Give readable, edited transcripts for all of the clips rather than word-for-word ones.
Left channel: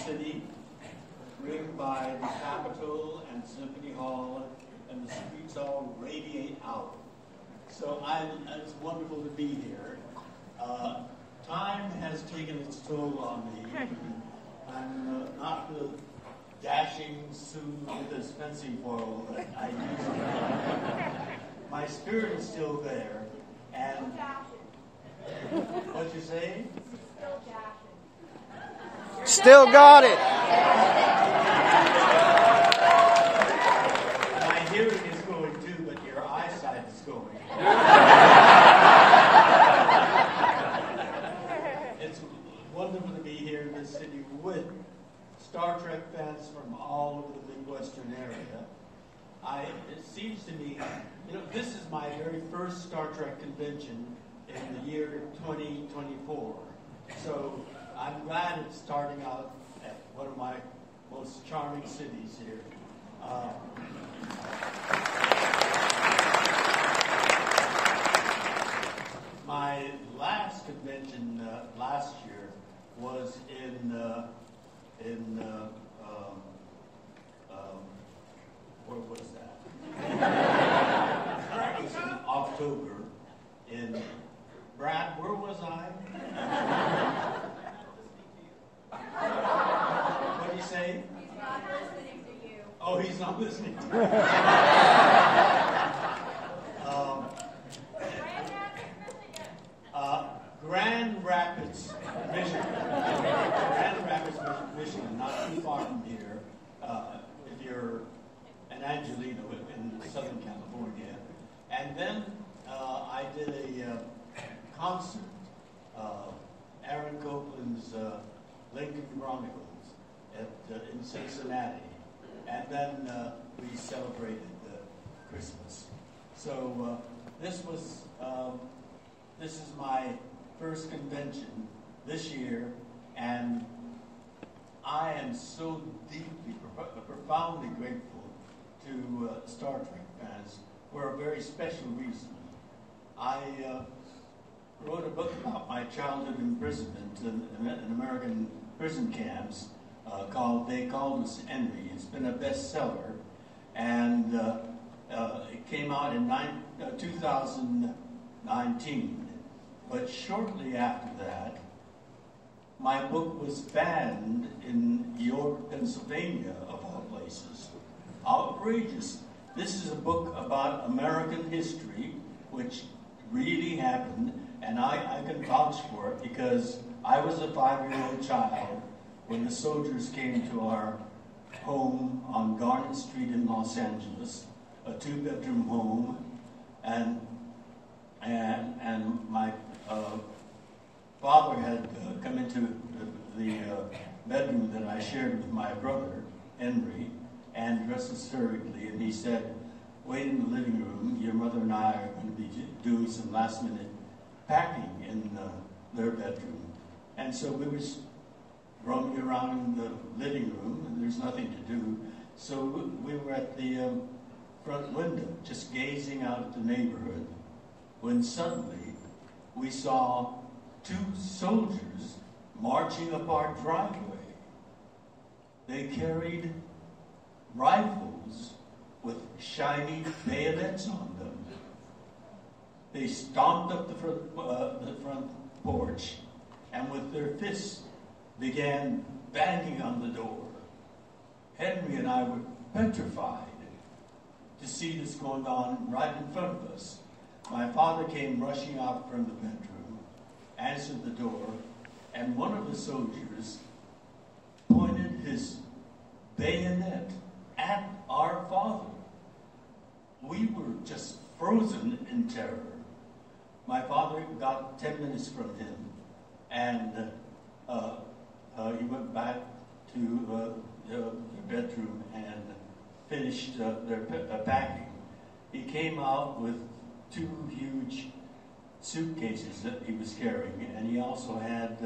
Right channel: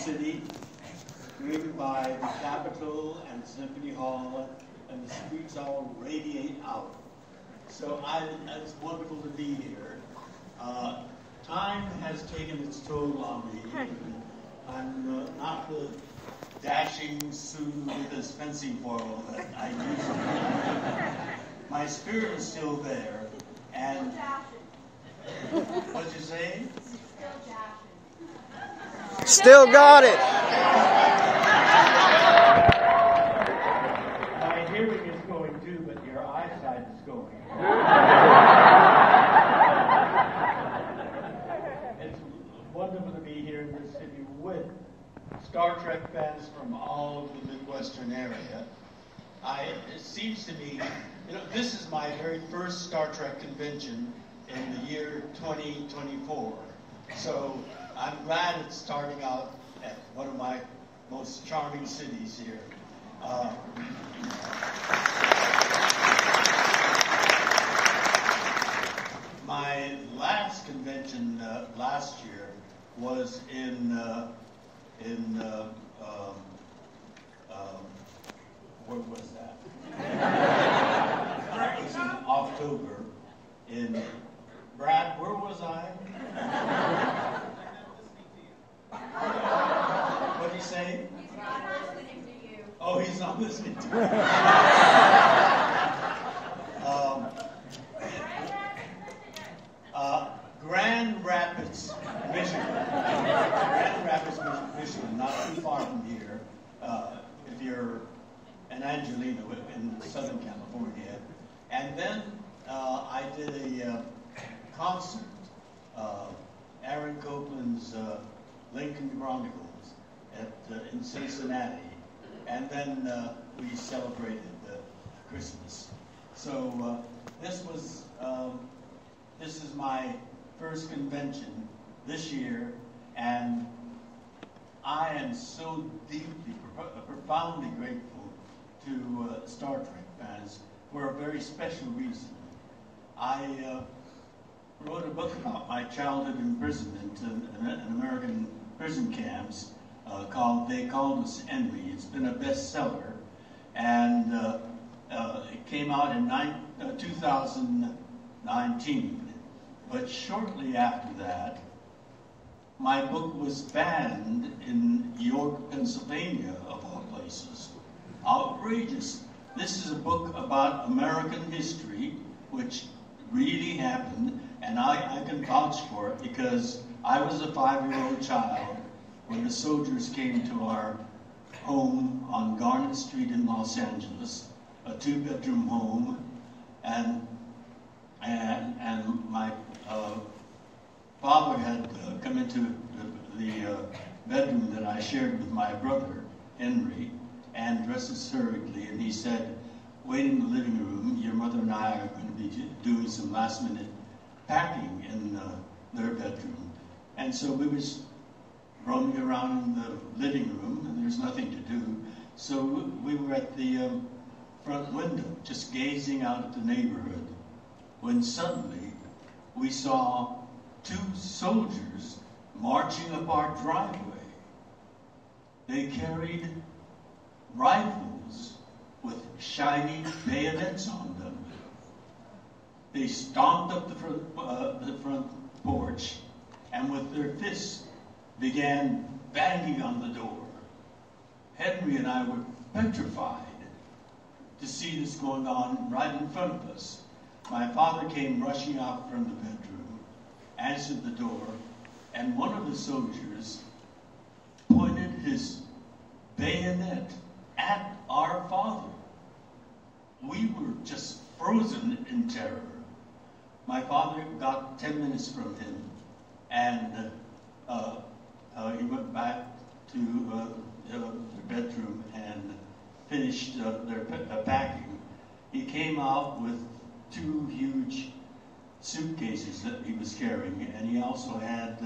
city, ringed by the Capitol and Symphony Hall, and the streets all radiate out. So it's wonderful to be here. Time has taken its toll on me. I'm not the dashing Sue with his fencing foil that I used to be. My spirit is still there. And what'd you say? Still got it. My hearing is going too, but your eyesight is going. It's wonderful to be here in this city with Star Trek fans from all over the Midwestern area. It seems to me, this is my very first Star Trek convention in the year 2024. So I'm glad it's starting out at one of my most charming cities here. My last convention last year was where was that? That was in October. In Brad, where was I? What did he say? He's not listening to you. Oh, he's not listening to me. Grand Rapids, Michigan. Grand Rapids, Michigan, not too far from here. If you're an Angelina in Southern California. And then I did a concert, Aaron Copland's Lincoln Chronicles in Cincinnati. And then we celebrated Christmas. So this is my first convention this year, and I am so deeply, profoundly grateful to Star Trek fans for a very special reason. I wrote a book about my childhood imprisonment in American prison camps called They Called Us Henry. It's been a bestseller, and it came out in 2019. But shortly after that, my book was banned in York, Pennsylvania, of all places. Outrageous. This is a book about American history, which really happened, and I can vouch for it because I was a 5-year-old child when the soldiers came to our home on Garnet Street in Los Angeles, a 2-bedroom home, and my father had come into the bedroom that I shared with my brother, Henry, and dressed us hurriedly, and he said, "Wait in the living room, your mother and I are going to be doing some last-minute packing in their bedroom." And so we was roaming around in the living room, and there's nothing to do, so we were at the front window, just gazing out at the neighborhood, when suddenly we saw 2 soldiers marching up our driveway. They carried rifles with shiny bayonets on them. They stomped up the front porch and with their fists began banging on the door. Henry and I were petrified to see this going on right in front of us. My father came rushing out from the bedroom, answered the door, and one of the soldiers pointed his bayonet at our father. We were just frozen in terror. My father got 10 minutes from him, and he went back to the bedroom and finished their packing. He came out with 2 huge suitcases that he was carrying, and he also had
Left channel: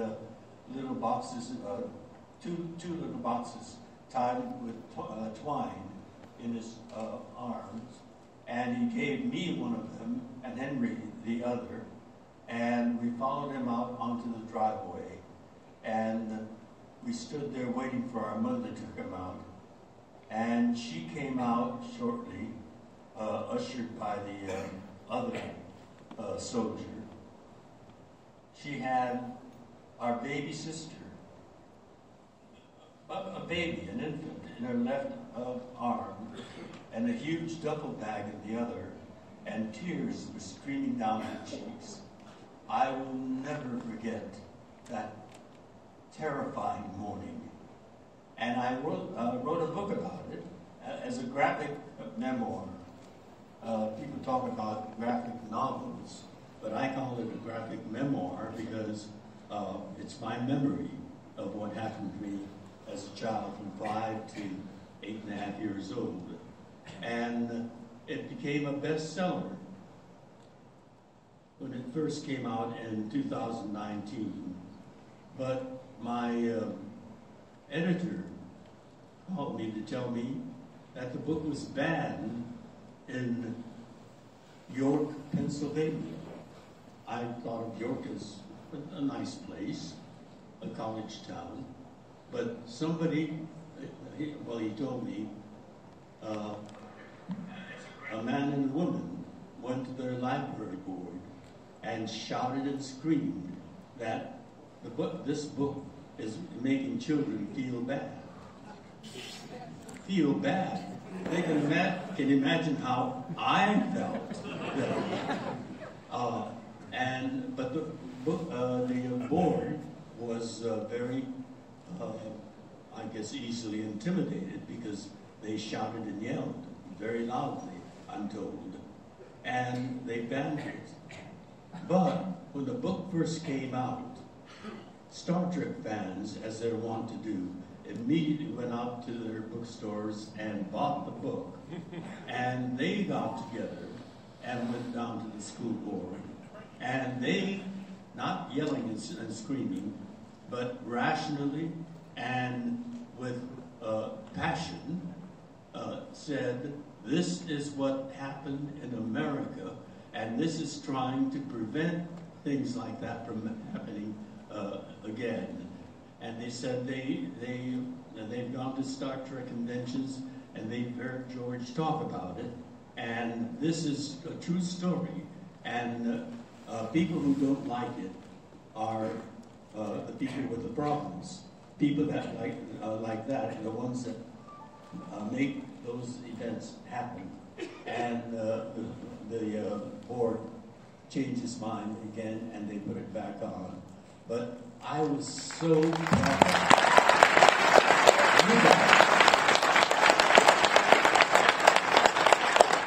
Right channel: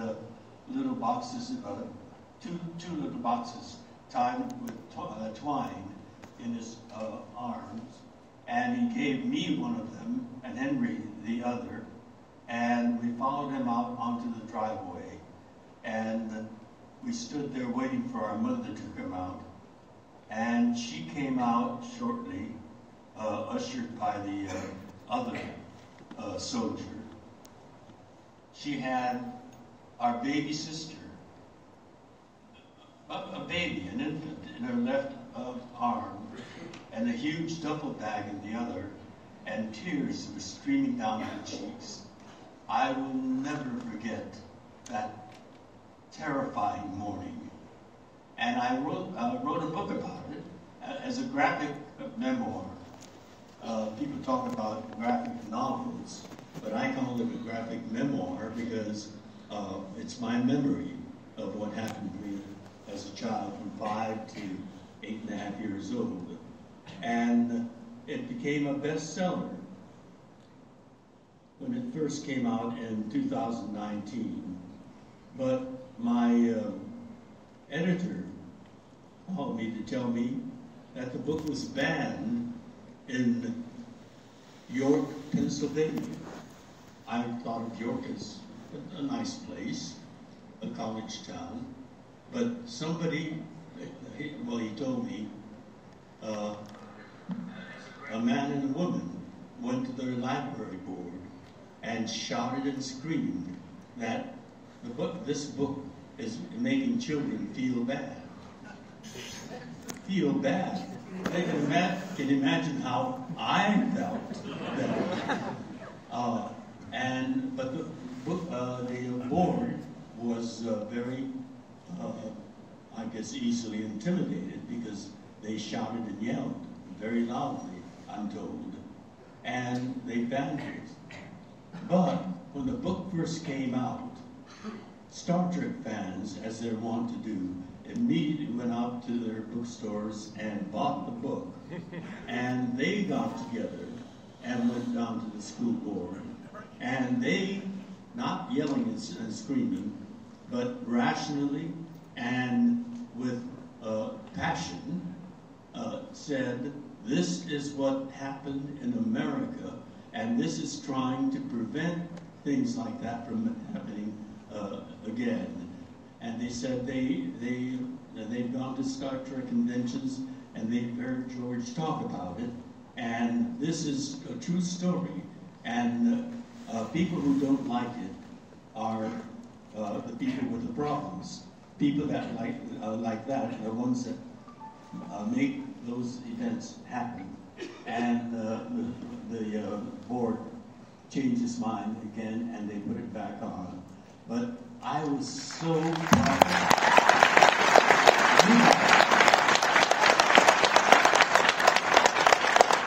little boxes, two little boxes tied with twine in his arms, and he gave me one of them and Henry the other, and we followed him out onto the driveway, and we stood there waiting for our mother to come out. And she came out shortly, ushered by the other soldier. She had our baby sister, a baby, an infant, in her left arm, and a huge duffel bag in the other, and tears were streaming down her cheeks. I will never forget that terrifying morning. And I wrote a book about it as a graphic memoir. People talk about graphic novels, but I call it a graphic memoir because it's my memory of what happened to me as a child from 5 to 8.5 years old. And it became a bestseller when it first came out in 2019. But my editor called me to tell me that the book was banned in York, Pennsylvania. I thought of York as a nice place, a college town, but somebody, well, he told me, a man and a woman went to their library board and shouted and screamed that this book is making children feel bad. Feel bad. They can imagine how I felt then. But the board was very, I guess, easily intimidated because they shouted and yelled very loudly, I'm told, and they banned it. But when the book first came out, Star Trek fans, as they're wont to do, immediately went out to their bookstores and bought the book. And they got together and went down to the school board. And they, not yelling and screaming, but rationally and with passion, said, this is what happened in America, and this is trying to prevent things like that from happening again. And they said they've gone to Star Trek conventions and they've heard George talk about it, and this is a true story. And people who don't like it are the people with the problems. People that like that, the ones that make those events happen. And the board changed its mind again, and they put it back on. But I was so proud.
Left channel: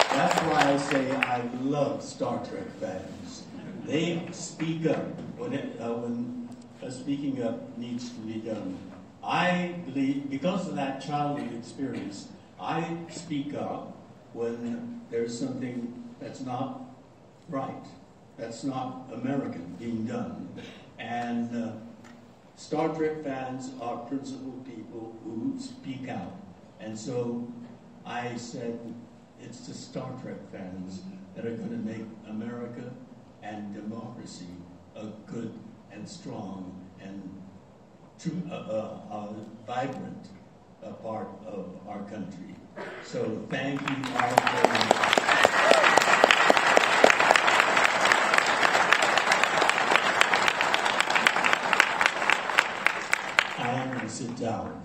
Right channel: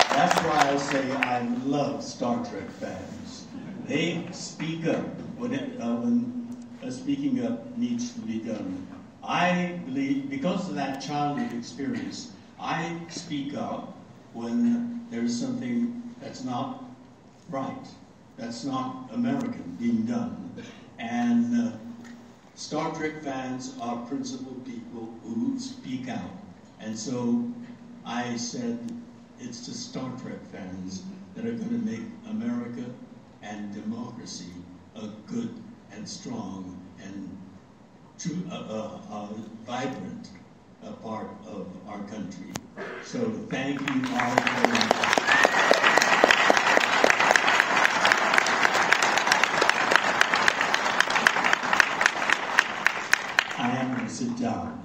That's why I say I love Star Trek fans. They speak up when speaking up needs to be done. I believe, because of that childhood experience, I speak up when there's something that's not right, that's not American being done. And Star Trek fans are principled people who speak out. And so I said, it's the Star Trek fans that are going to make America and democracy a good and strong and true, vibrant part of our country. So thank you all very much. I am going to sit down.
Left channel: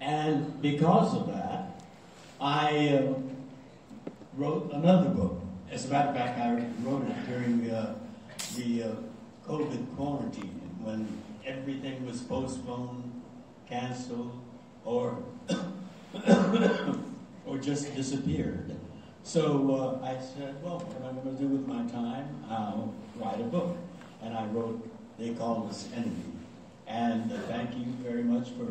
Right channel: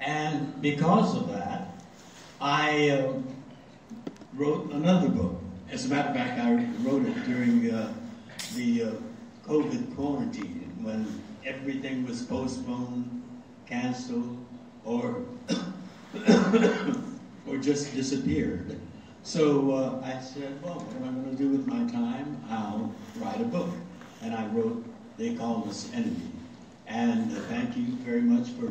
And because of that, I wrote another book. As a matter of fact, I wrote it during the COVID quarantine, when everything was postponed, canceled, or or just disappeared. So I said, well, what am I going to do with my time? I'll write a book. And I wrote, They Call Us Enemy. And thank you very much for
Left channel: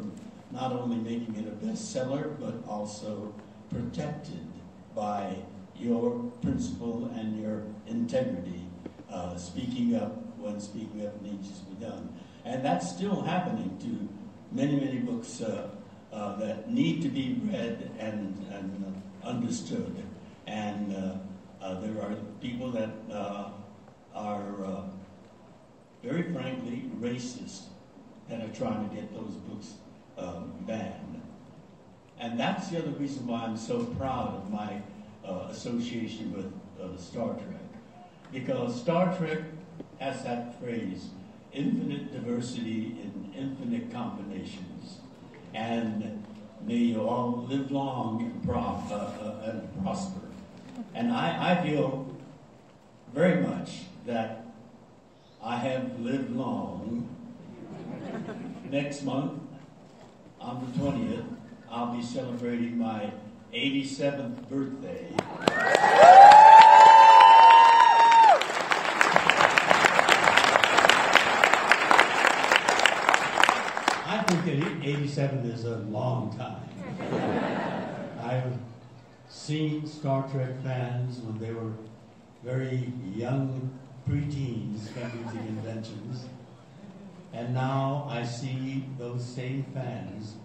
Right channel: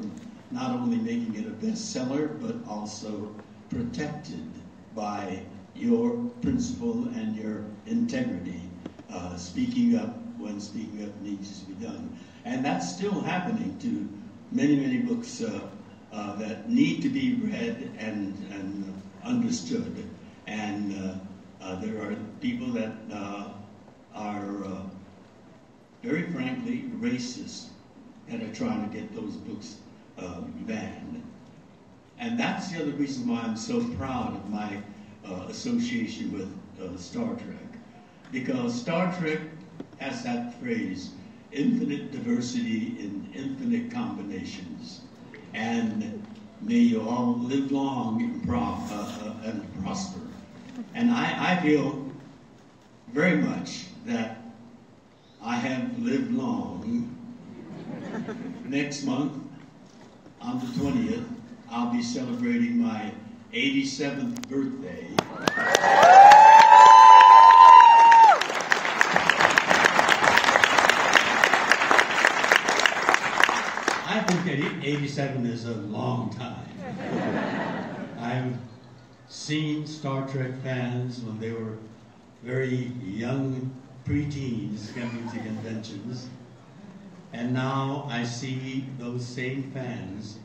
not only making it a bestseller, but also protected by your principle and your integrity, speaking up when speaking up needs to be done. And that's still happening to many, many books that need to be read and understood. And there are people that are very frankly, racist that are trying to get those books banned. And that's the other reason why I'm so proud of my association with Star Trek. Because Star Trek has that phrase, infinite diversity in infinite combinations. And may you all live long and prosper. And I feel very much that I have lived long. Next month, on the 20th, I'll be celebrating my 87th birthday. I think that 87 is a long time. I've seen Star Trek fans when they were very young preteens coming to conventions, and now I see those same fans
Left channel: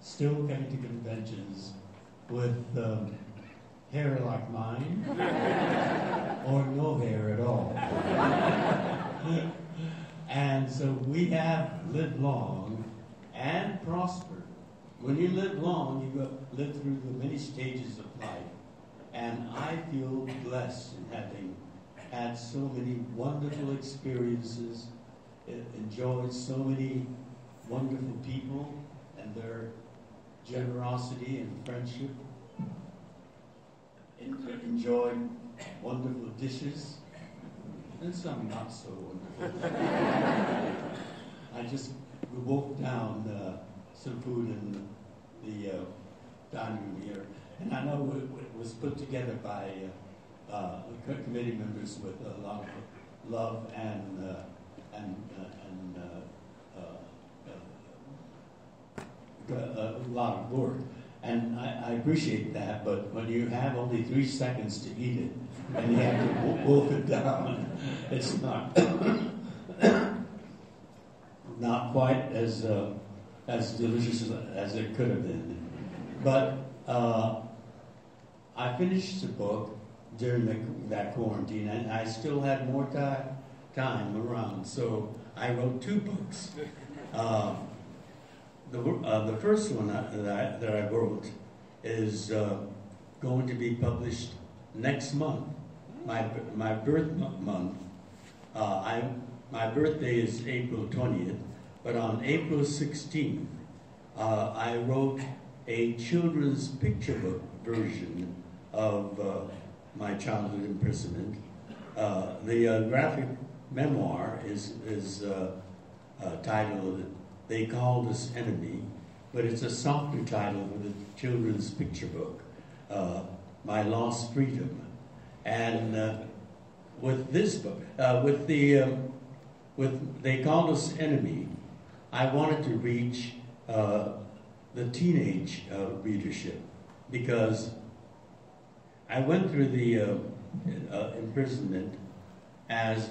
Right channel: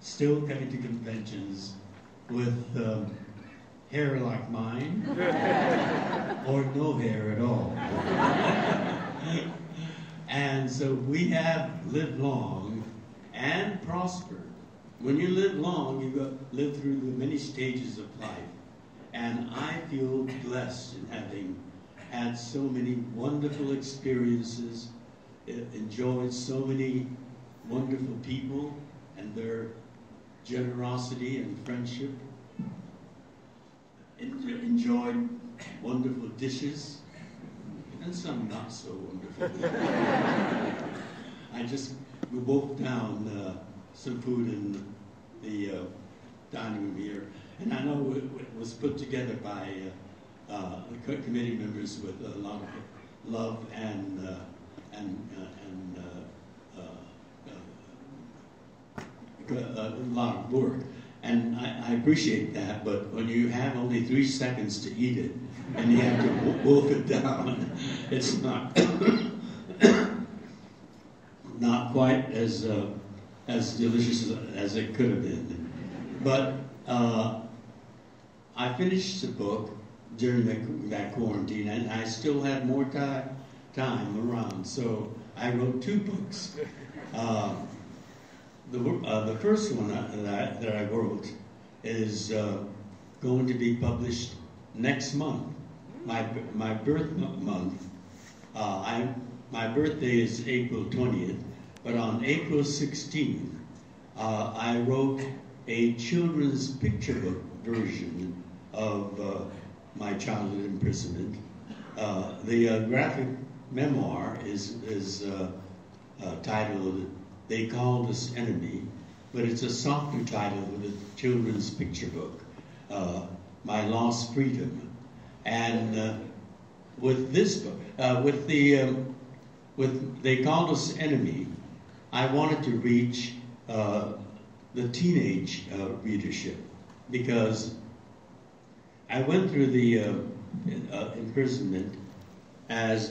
still coming to conventions with hair like mine, or no hair at all. And so we have lived long and prospered. When you live long, you live through the many stages of life. And I feel blessed in having had so many wonderful experiences, enjoyed so many wonderful people and their generosity and friendship, enjoyed wonderful dishes, and some not so wonderful. We wolfed down some food in the dining room here, and I know it was put together by the committee members with a lot of love and a lot of work, and I appreciate that. But when you have only 3 seconds to eat it, and you have to wolf it down, it's not not quite as delicious as it could have been. But I finished the book during that quarantine, and I still had more time around, so I wrote 2 books. The first one that I wrote is going to be published next month, my birth month. My birthday is April 20th, but on April 16th, I wrote a children's picture book version of my childhood imprisonment. The graphic memoir is titled "They Called Us Enemy," but it's a softer title of the children's picture book, "My Lost Freedom." And with this book, with "They Called Us Enemy," I wanted to reach the teenage readership, because I went through the imprisonment as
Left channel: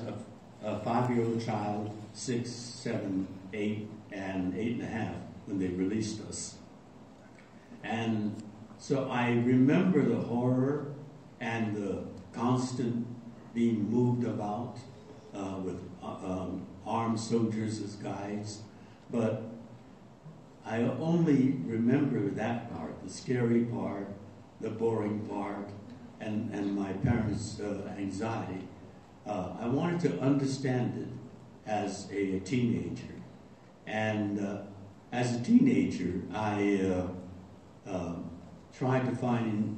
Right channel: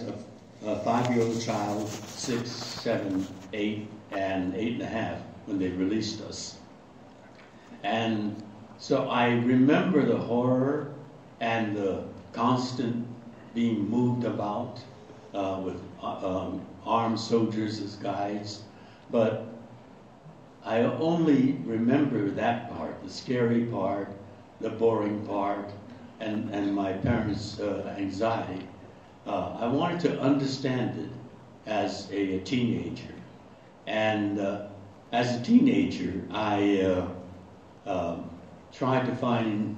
a 5-year-old child, 6, 7, 8, and 8.5 when they released us. And so I remember the horror and the constant being moved about with armed soldiers as guides, but I only remember that part, the scary part, the boring part, and my parents' anxiety. I wanted to understand it as a teenager. And as a teenager, I tried to find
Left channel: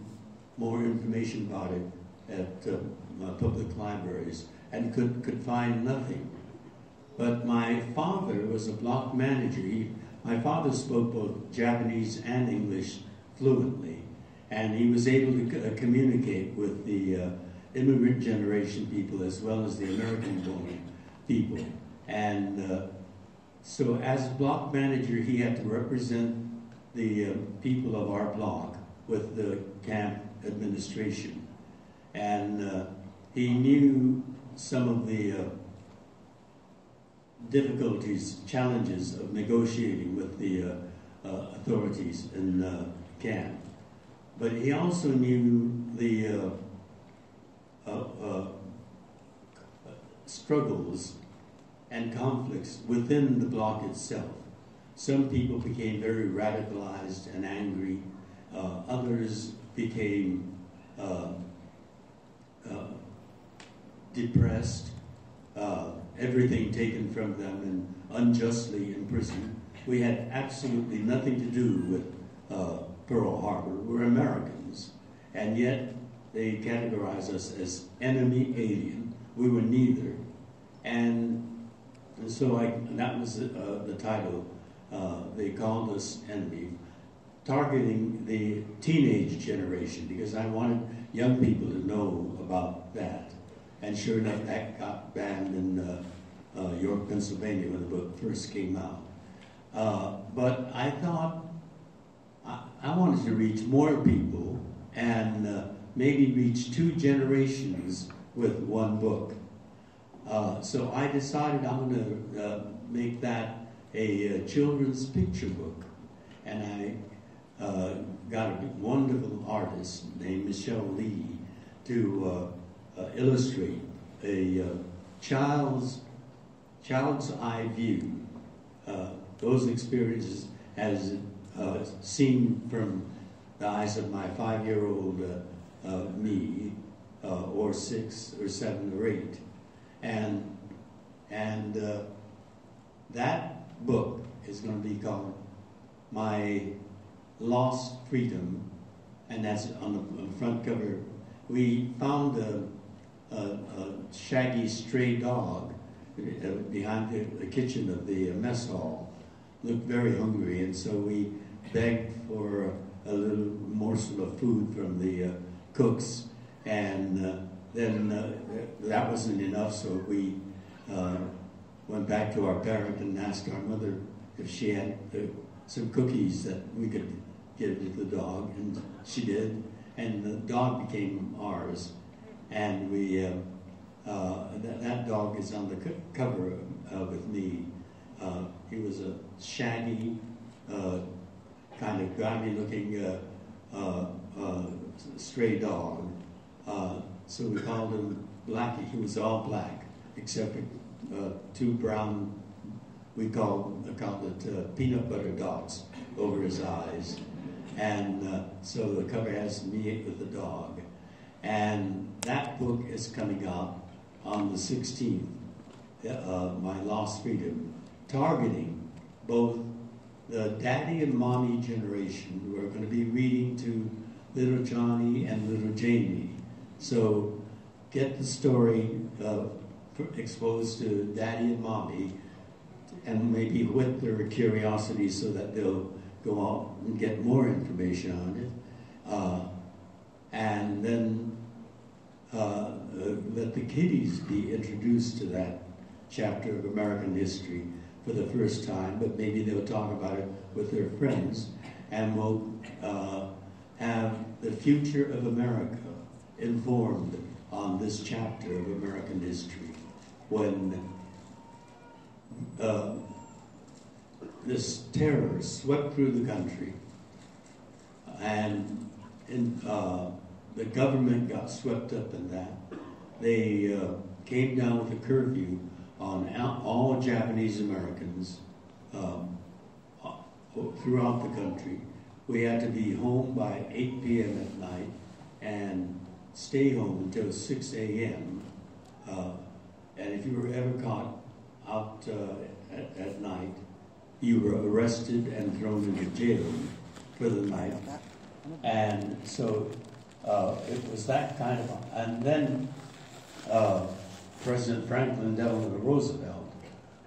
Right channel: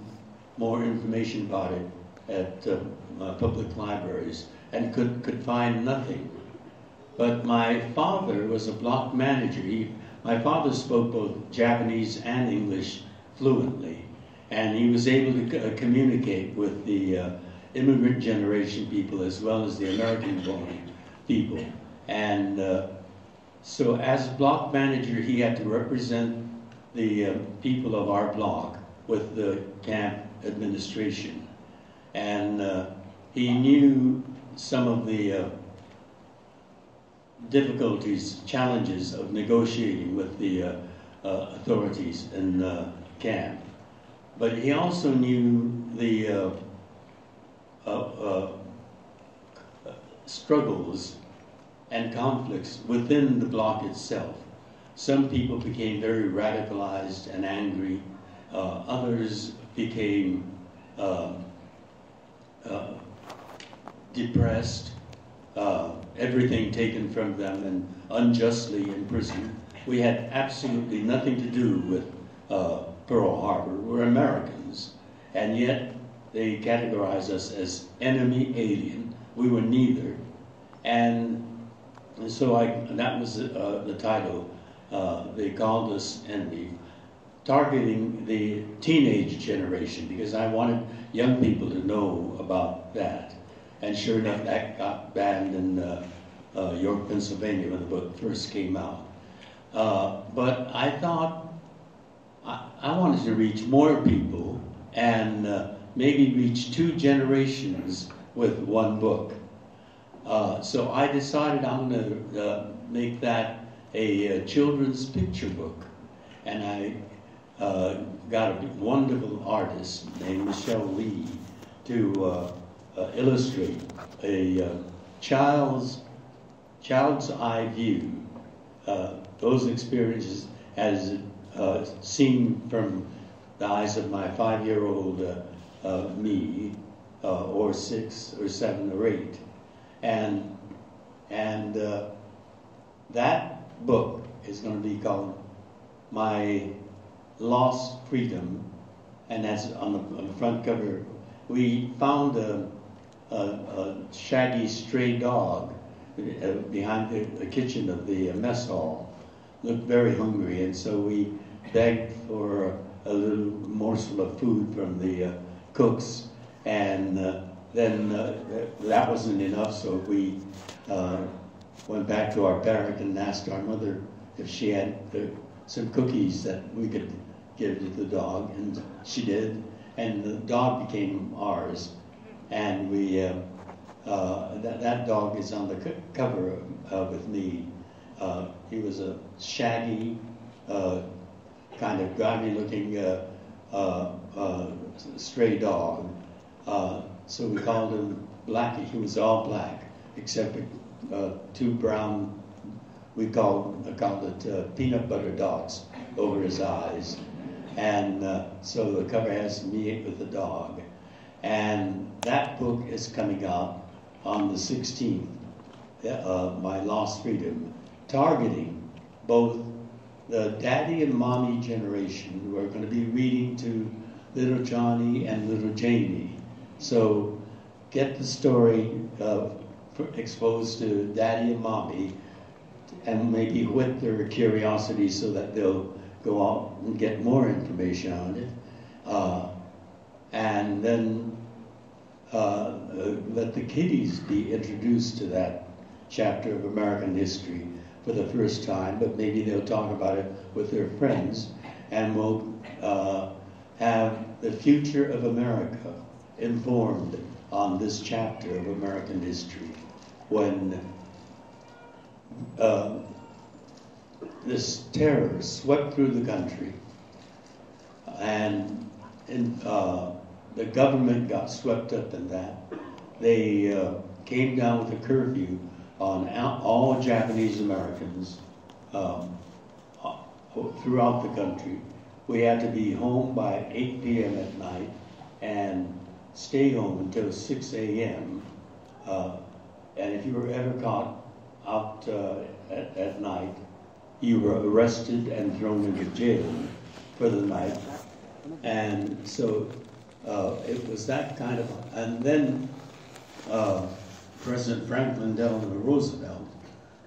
more information about it at public libraries, and could find nothing. But my father was a block manager. My father spoke both Japanese and English fluently, and he was able to communicate with the immigrant generation people as well as the American-born people. And so as block manager, he had to represent the people of our block with the camp administration. And he knew some of the difficulties, challenges of negotiating with the authorities in camp. But he also knew the struggles and conflicts within the bloc itself. Some people became very radicalized and angry. Others became depressed, everything taken from them and unjustly imprisoned. We had absolutely nothing to do with Pearl Harbor. We're Americans, and yet they categorized us as enemy alien. We were neither. And so that was the title. They called us enemy, targeting the teenage generation, because I wanted young people to know about that. And sure enough, that got banned in York, Pennsylvania when the book first came out. But I thought I wanted to reach more people and maybe reach 2 generations with one book. So I decided I'm going to make that a children's picture book. And I got a wonderful artist named Michelle Lee to illustrate a child's eye view, those experiences as seen from the eyes of my 5-year-old me, or 6 or 7 or 8. And that book is going to be called My Lost Freedom, and that's on the front cover. We found a shaggy stray dog behind the kitchen of the mess hall. Looked very hungry, and so we begged for a little morsel of food from the cooks, and then that wasn't enough, so we went back to our barrack and asked our mother if she had some cookies that we could give to the dog, and she did, and the dog became ours, and we that dog is on the cover with me. He was a shaggy, kind of grimy-looking stray dog. So we called him Blackie. He was all black, except 2 brown, we called it peanut butter dots over his eyes. And so the cover has me with the dog. And that book is coming out on the 16th, My Lost Freedom, targeting both the daddy and mommy generation who are going to be reading to little Johnny and little Jamie. So get the story exposed to daddy and mommy, and maybe whet their curiosity so that they'll go out and get more information on it. And then let the kiddies be introduced to that chapter of American history for the first time, but maybe they'll talk about it with their friends, and we'll have the future of America informed on this chapter of American history, when this terror swept through the country, and the government got swept up in that. They came down with a curfew on all Japanese Americans throughout the country. We had to be home by 8 p.m. at night and stay home until 6 a.m. And if you were ever caught out at night, you were arrested and thrown into jail for the night. And so it was that kind of, and then President Franklin Delano Roosevelt,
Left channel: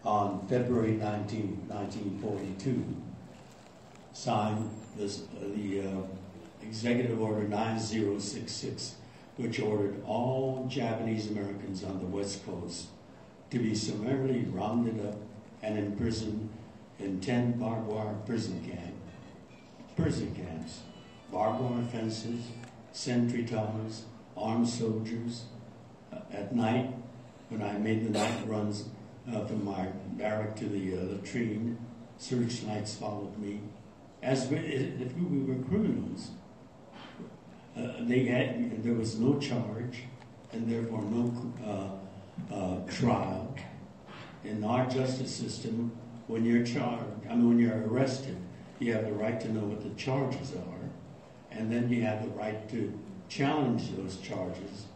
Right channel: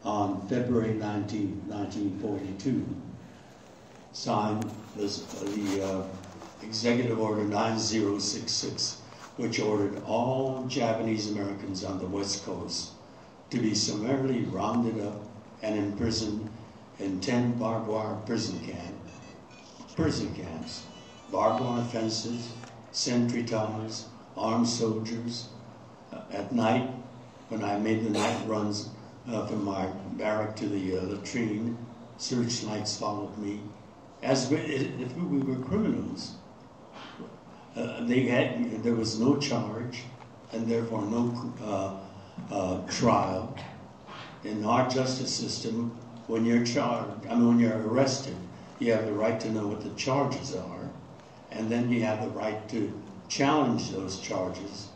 on February 19, 1942, signed the Executive Order 9066, which ordered all Japanese Americans on the West Coast to be summarily rounded up and imprisoned in 10 barbed wire prison camps, barbed wire fences, sentry towers, armed soldiers. At night, when I made the night runs from my barrack to the latrine, searchlights followed me, as if we were criminals. There was no charge, and therefore no trial. in our justice system, when you're when you're arrested, you have the right to know what the charges are, and then you have the right to challenge those charges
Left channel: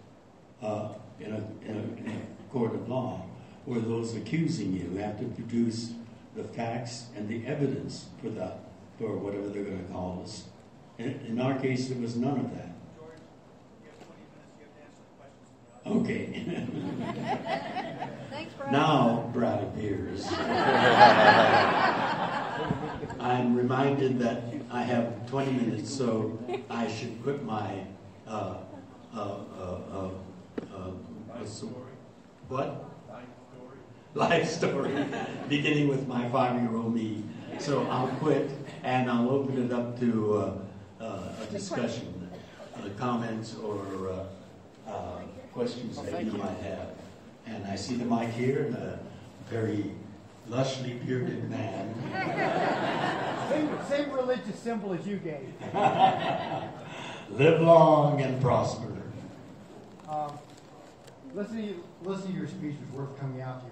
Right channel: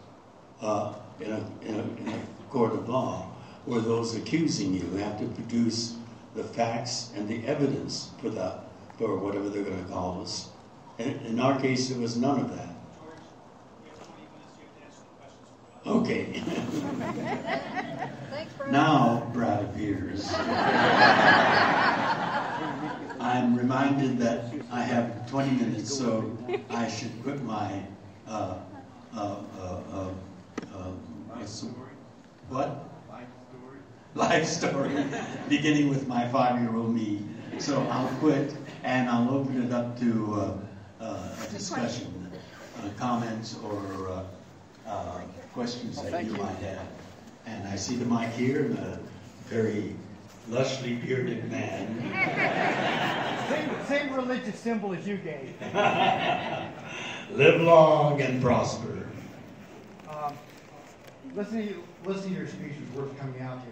in a court of law, where those accusing you have to produce the facts and the evidence for whatever they're going to call us. In our case, there was none of that. Okay. Thanks, Brad. Now, Brad appears. I'm reminded that I have 20 minutes, so I should put my what? Life story, beginning with my 5-year-old me. So I'll quit, and I'll open it up to a discussion, comments, or questions that you might have. And I see the mic here, and a very lushly bearded man. Same religious symbol as you gave. Live long and prosper. Listening to your speech was worth coming out here.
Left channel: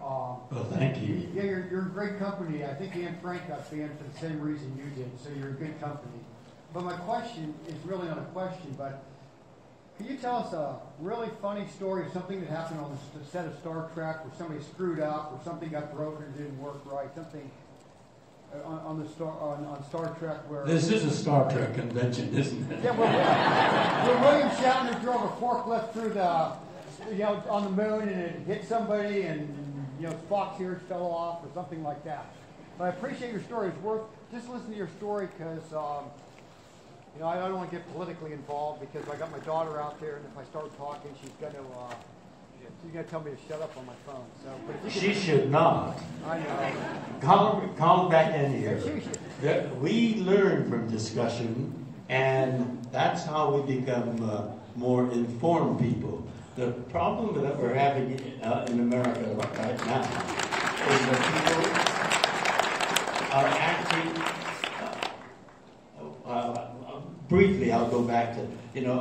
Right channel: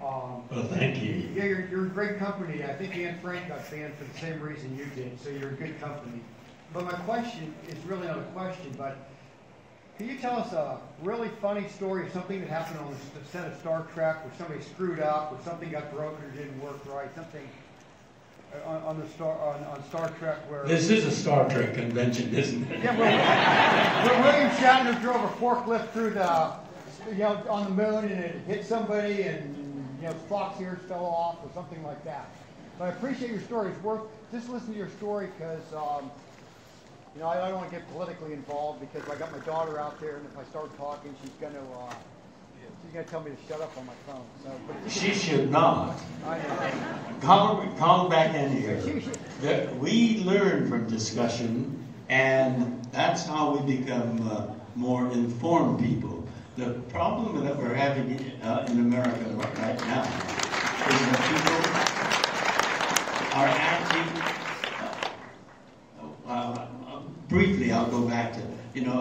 Well, thank you. Yeah, you're in great company. I think Anne Frank got banned for the same reason you did, so you're in good company. But my question is really not a question, but can you tell us a really funny story of something that happened on the set of Star Trek, where somebody screwed up, or something got broken or didn't work right, something on Star Trek where... This is a Star Trek convention, isn't it? Yeah, where William Shatner drove a forklift through the, on the moon, and it hit somebody, and Spock's ears fell off, or something like that. But I appreciate your story. It's worth just listening to your story, because I don't want to get politically involved, because I got my daughter out there, and if I start talking, she's going to tell me to shut up on my phone. So, but she should not. I know. Calm back in here. We learn from discussion, and that's how we become more informed people. The problem that we're having in America right now is that people are acting. Briefly, I'll go back to,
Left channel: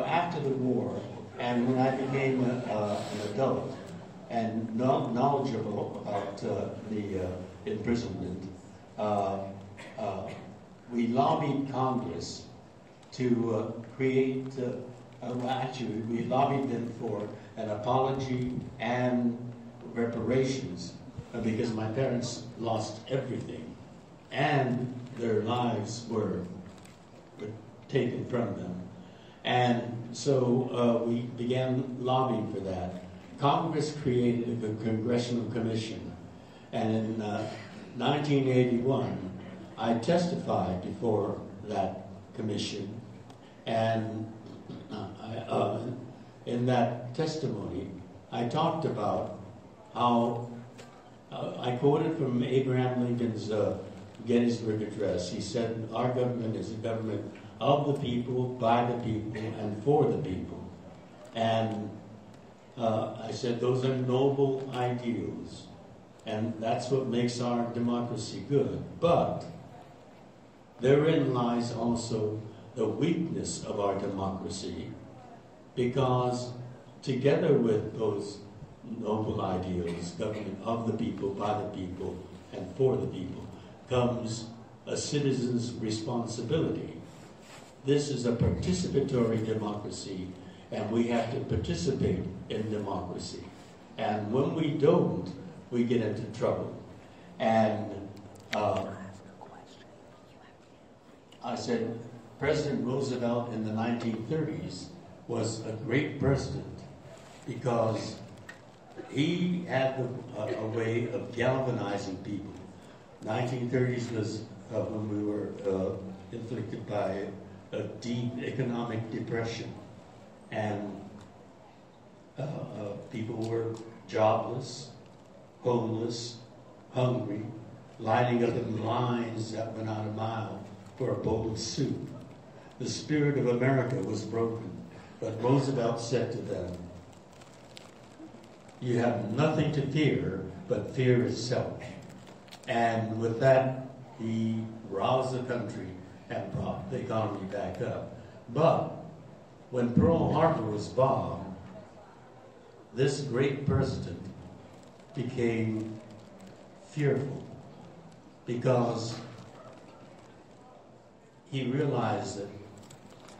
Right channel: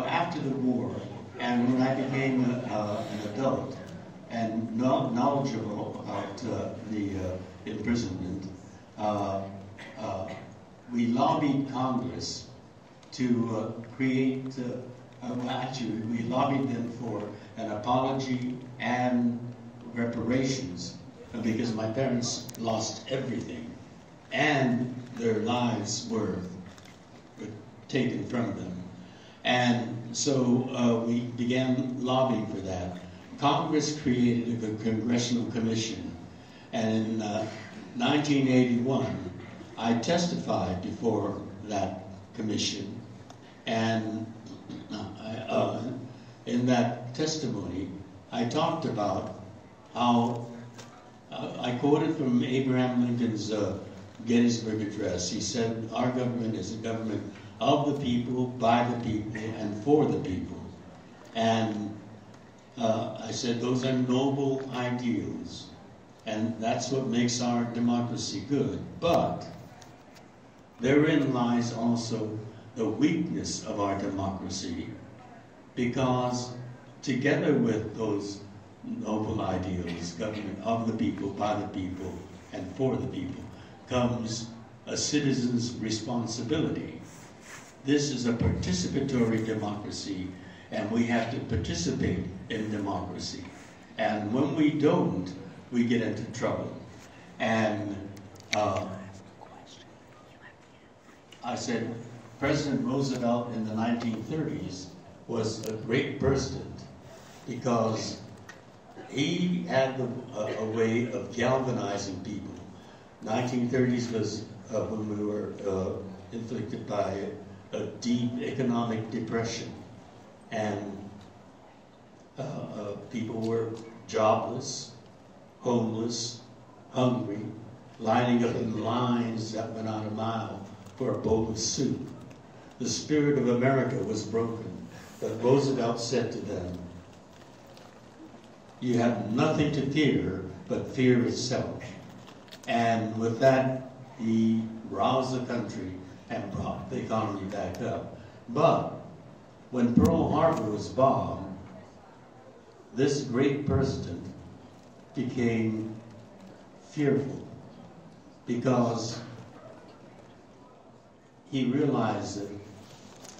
after the war, and when I became an adult and knowledgeable about the imprisonment, we lobbied Congress to create, actually, we lobbied them for an apology and reparations, because my parents lost everything, and their lives were taken from them. And so we began lobbying for that. Congress created a congressional commission, and in 1981, I testified before that commission, and in that testimony, I talked about how I quoted from Abraham Lincoln's Gettysburg Address. He said, "Our government is a government of the people, by the people, and for the people." And I said, those are noble ideals, and that's what makes our democracy good. But therein lies also the weakness of our democracy, because together with those noble ideals, government of the people, by the people, and for the people, comes a citizen's responsibility. This is a participatory democracy, and we have to participate in democracy. And when we don't, we get into trouble. And I said, President Roosevelt in the 1930s was a great president because he had a way of galvanizing people. 1930s was when we were inflicted by a deep economic depression, and people were jobless, homeless, hungry, lining up in lines that went out a mile for a bowl of soup. The spirit of America was broken, but Roosevelt said to them, "You have nothing to fear but fear itself." And with that, he roused the country and brought the economy back up. But when Pearl Harbor was bombed, this great president became fearful because he realized that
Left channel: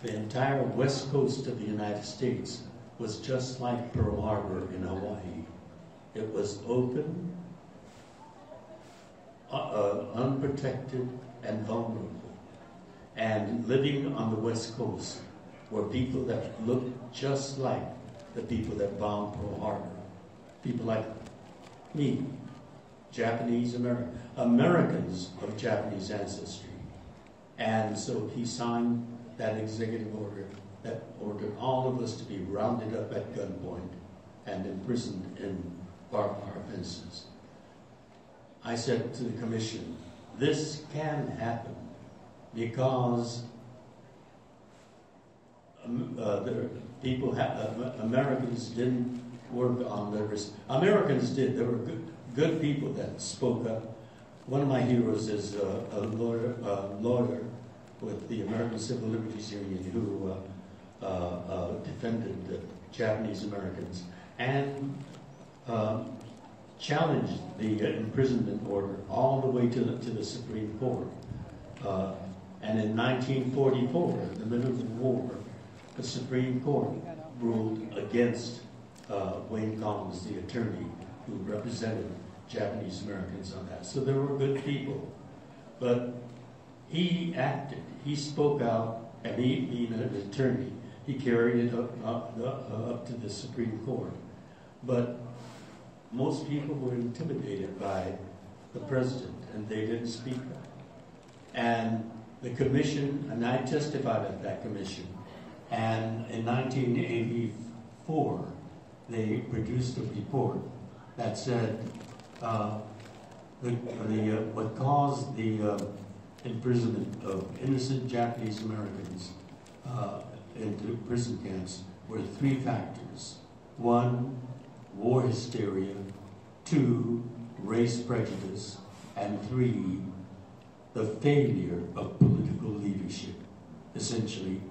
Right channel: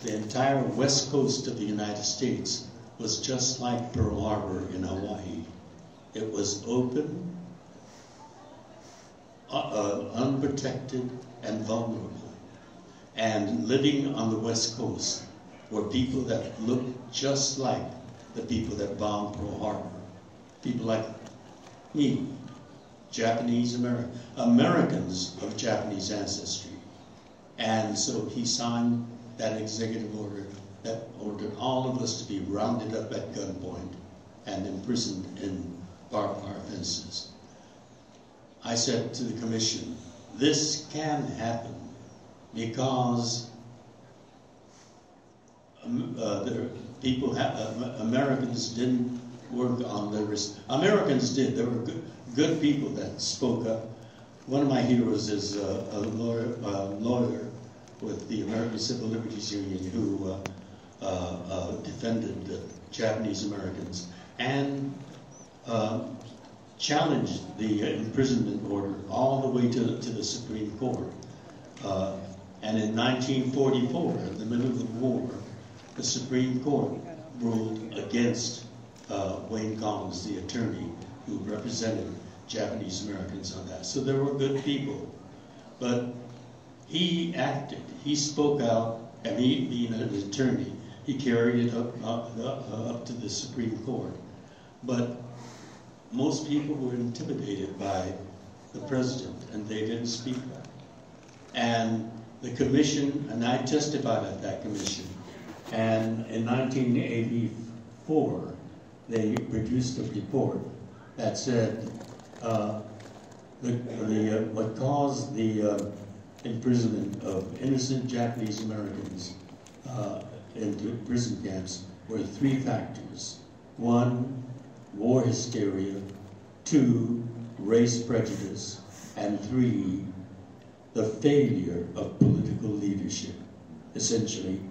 the entire west coast of the United States was just like Pearl Harbor in Hawaii. It was open, unprotected, and vulnerable. And living on the west coast were people that looked just like the people that bombed Pearl Harbor. People like me, Japanese Americans of Japanese ancestry. And so he signed that executive order that ordered all of us to be rounded up at gunpoint and imprisoned in barbed wire fences. I said to the commission, this can happen because Americans didn't work on their risk. Americans did. There were good people that spoke up. One of my heroes is a lawyer with the American Civil Liberties Union who defended the Japanese Americans and challenged the imprisonment order all the way to the Supreme Court. And in 1944, in the middle of the war, the Supreme Court ruled against Wayne Collins, the attorney who represented Japanese Americans on that. So there were good people. But he acted, he spoke out, and he, being an attorney, he carried it up to the Supreme Court. But most people were intimidated by the president, and they didn't speak up. And the commission, and I testified at that commission, and in 1984, they produced a report that said what caused the imprisonment of innocent Japanese Americans into prison camps were 3 factors. 1, war hysteria. 2, race prejudice. And 3, the failure of political leadership. Essentially,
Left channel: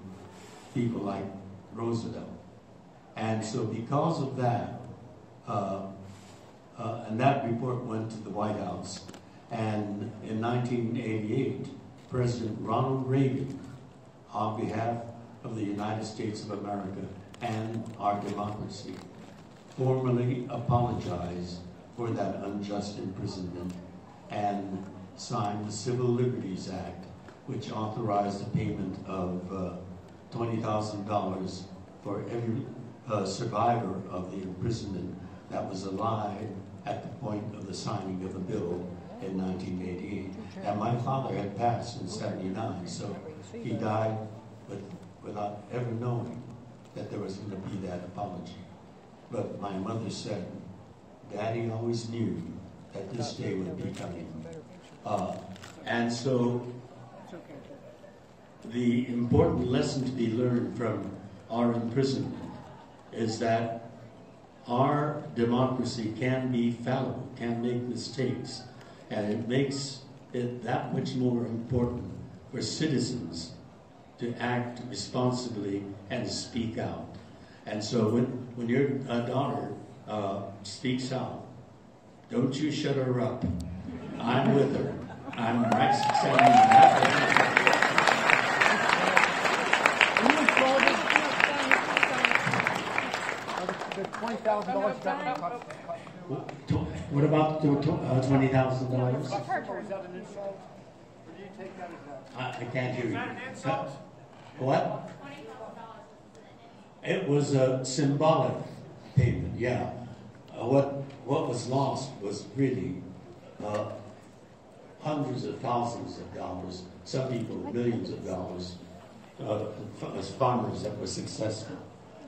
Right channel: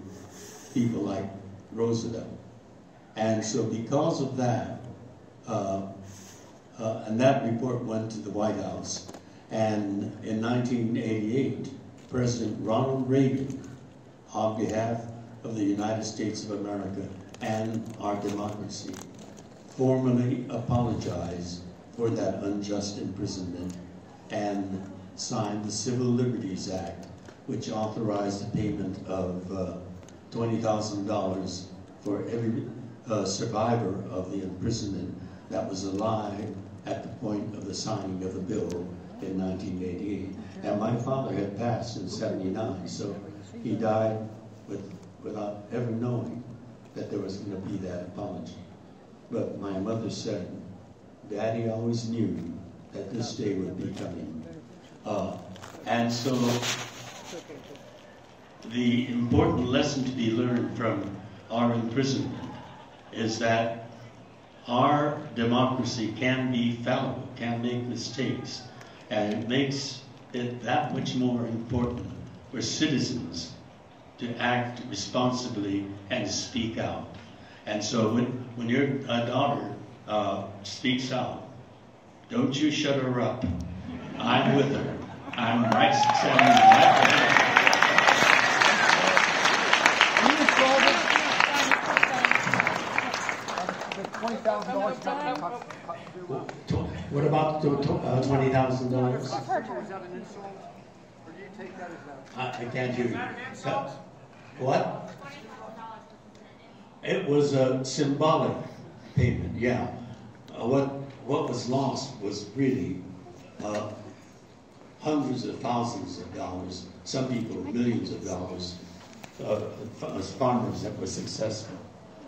people like Roosevelt. And so because of that, and that report went to the White House, and in 1988, President Ronald Reagan, on behalf of the United States of America and our democracy, formally apologized for that unjust imprisonment and signed the Civil Liberties Act, which authorized the payment of $20,000 for every survivor of the imprisonment that was alive at the point of the signing of the bill in 1988. And my father had passed in 79, so he died without ever knowing that there was going to be that apology. But my mother said, Daddy always knew that this day would be coming. And so the important lesson to be learned from our imprisonment is that our democracy can be fallible, can make mistakes, and it makes it that much more important for citizens to act responsibly and speak out. And so when your daughter speaks out, don't you shut her up. I'm with her. I'm right standing right there. $20,000. What about $20,000? I can't hear you. What? It was a symbolic payment, yeah. What was lost was really hundreds of thousands of dollars, some people millions of dollars, as farmers that were successful.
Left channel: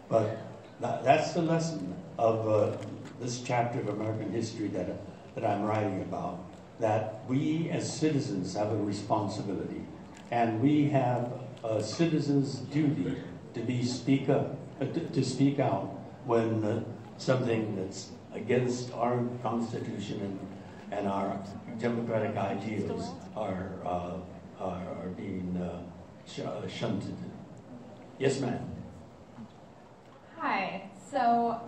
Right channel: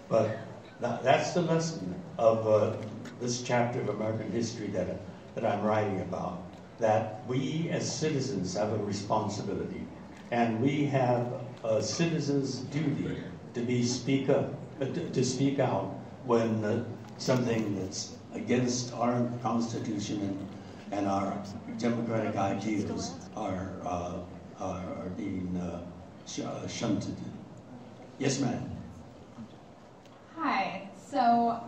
But that's the lesson of this chapter of American history that I'm writing about, that we as citizens have a responsibility, and we have a citizen's duty to speak out when something that's against our Constitution and our democratic ideas are being shunted. Yes, ma'am. Hi. So,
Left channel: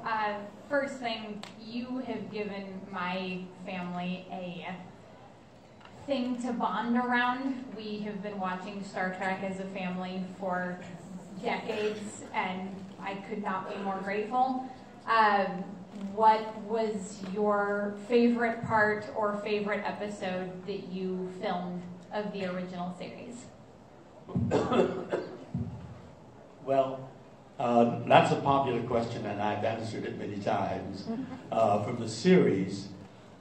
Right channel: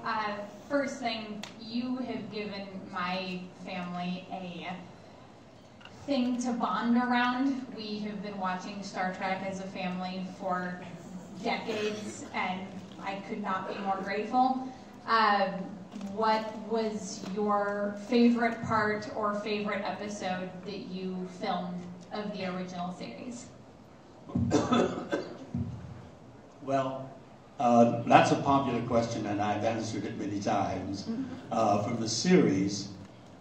first first thing, you have given my family a thing to bond around. We have been watching Star Trek as a family for decades, and I could not be more grateful. What was your favorite part or favorite episode that you filmed of the original series? Well, that's a popular question, and I've answered it many times. From the series,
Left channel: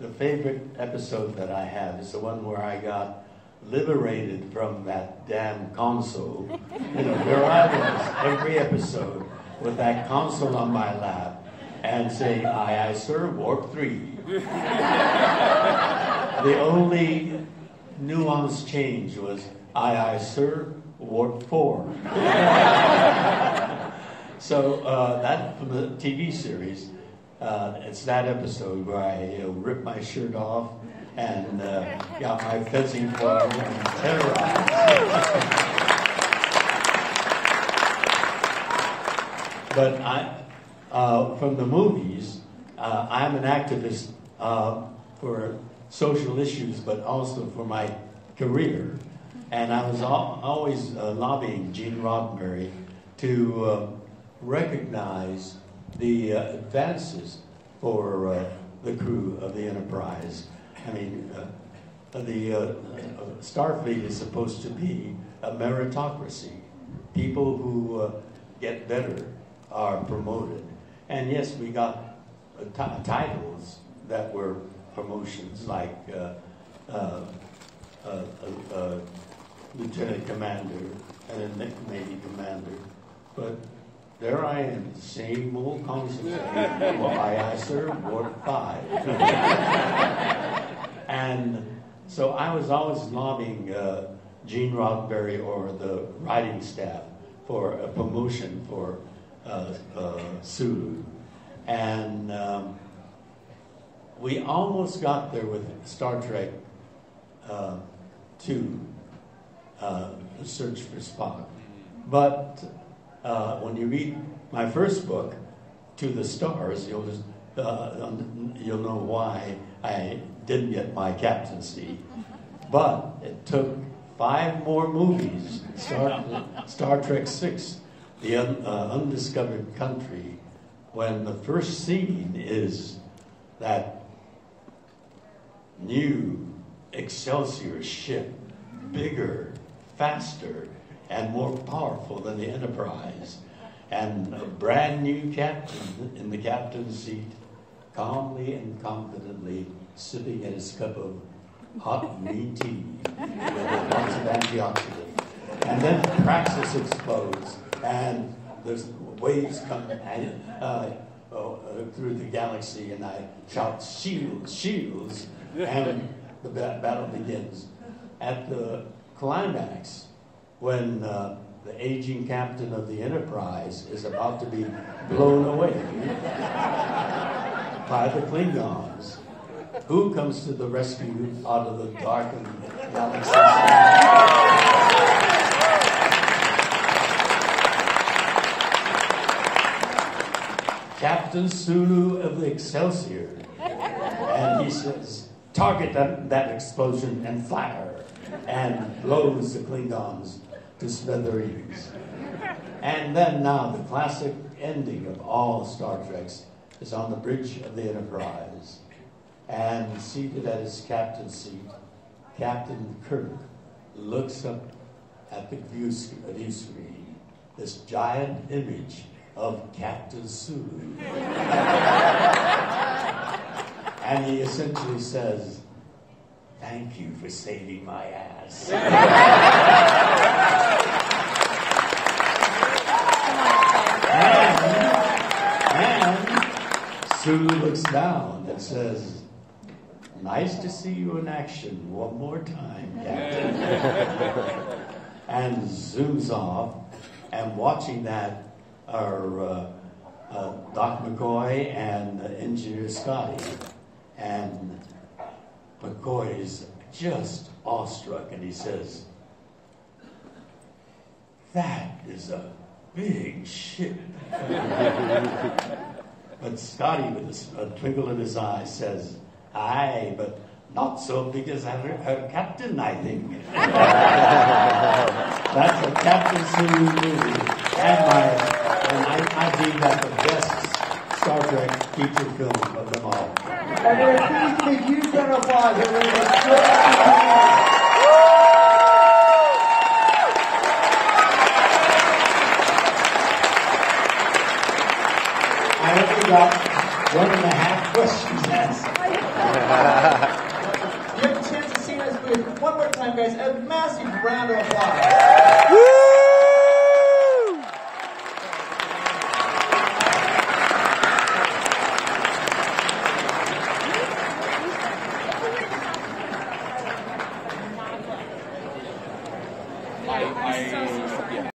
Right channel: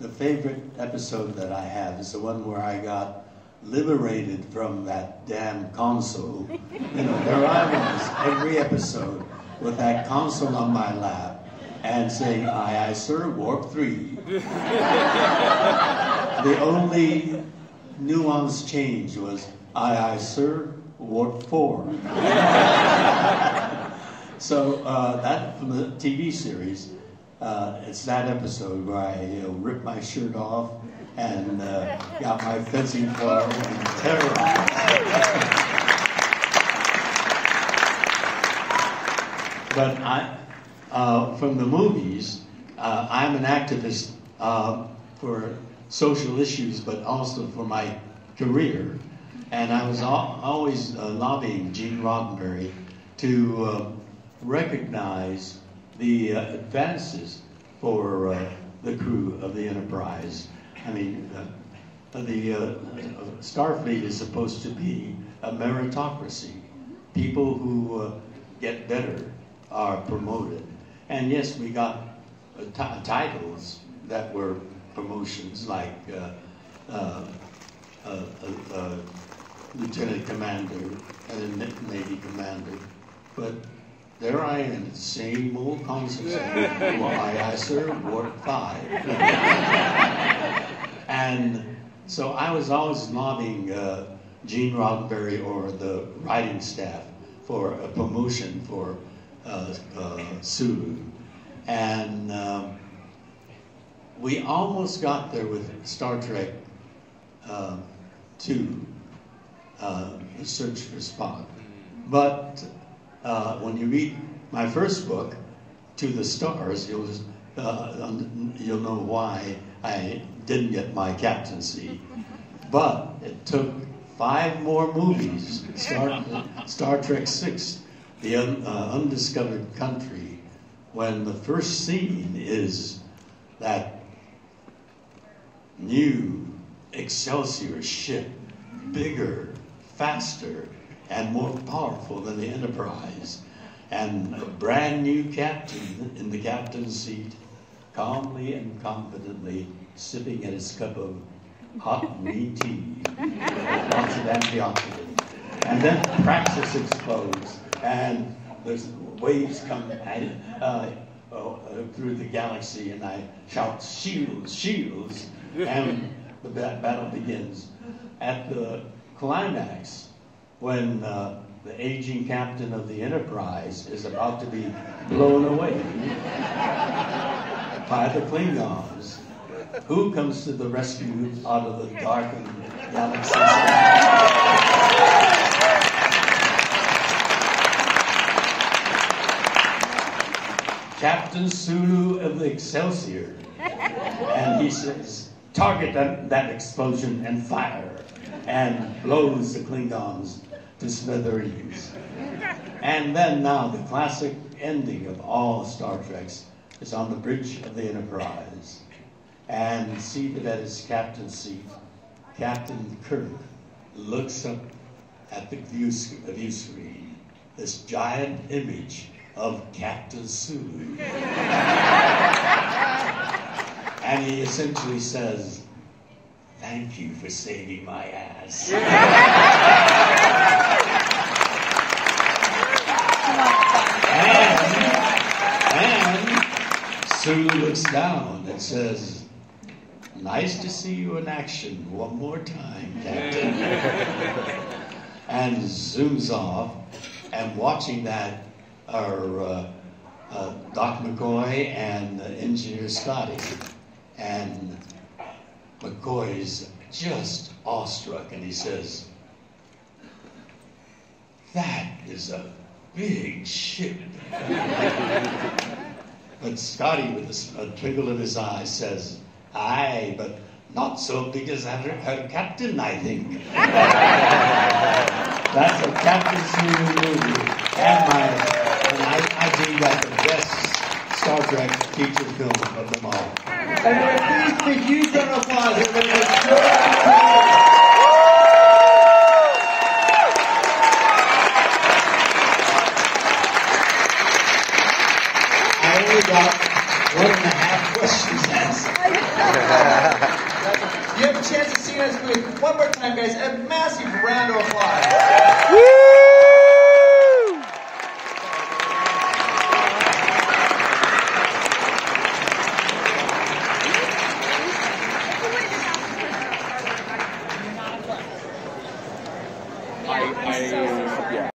the favorite episode that I have is the one where I got liberated from that damn console. You know, there I was every episode with that console on my lap and saying, aye, aye, sir, warp 3. The only nuance change was, aye, aye, sir, warp 4. So that from the TV series, it's that episode where I ripped my shirt off and got my fencing club and terrorized. But from the movies, I'm an activist for social issues, but also for my career. And I was always lobbying Gene Roddenberry to recognize the advances for the crew of the Enterprise. I mean, the Starfleet is supposed to be a meritocracy. People who get better are promoted. And yes, we got titles that were promotions, like Lieutenant Commander and Navy Commander. But there I am, same old console saying, aye, aye, sir, warp 5. And so I was always lobbying Gene Roddenberry or the writing staff for a promotion for Sulu. And we almost got there with Star Trek 2, Search for Spock. But when you read my first book, To the Stars, you'll know why I didn't get my captaincy. But it took 5 more movies, Star Trek 6, The Undiscovered Country, when the first scene is that new Excelsior ship, bigger, faster, and more powerful than the Enterprise, and a brand new captain in the captain's seat, calmly and confidently sipping at his cup of hot green tea with lots of antioxidant. And then Praxis explodes, and there's waves come through the galaxy, and I shout, shields, shields, and the battle begins. At the climax, when the aging captain of the Enterprise is about to be blown away by the Klingons, who comes to the rescue out of the darkened galaxy? Captain Sulu of the Excelsior. And he says, target that explosion and fire, and blows the Klingons to smithereens. And then now the classic ending of all Star Treks is on the bridge of the Enterprise. And seated at his captain's seat, Captain Kirk looks up at the view screen, this giant image of Captain Sulu. And he essentially says, thank you for saving my ass. and Sulu looks down and says, nice to see you in action one more time, Captain. And zooms off, and watching that are Doc McCoy and Engineer Scotty. And McCoy's just awestruck, and he says, that is a big ship. But Scotty, with a twinkle in his eye, says, "Aye, but not so big as her captain, I think." That's a Captain Sulu movie. And I think that's the best Star Trek feature film of them all. And please, huge round of applause. I only got 1.5 questions asked. You have a chance to sing us with one more time, guys. A massive round of applause. Woo!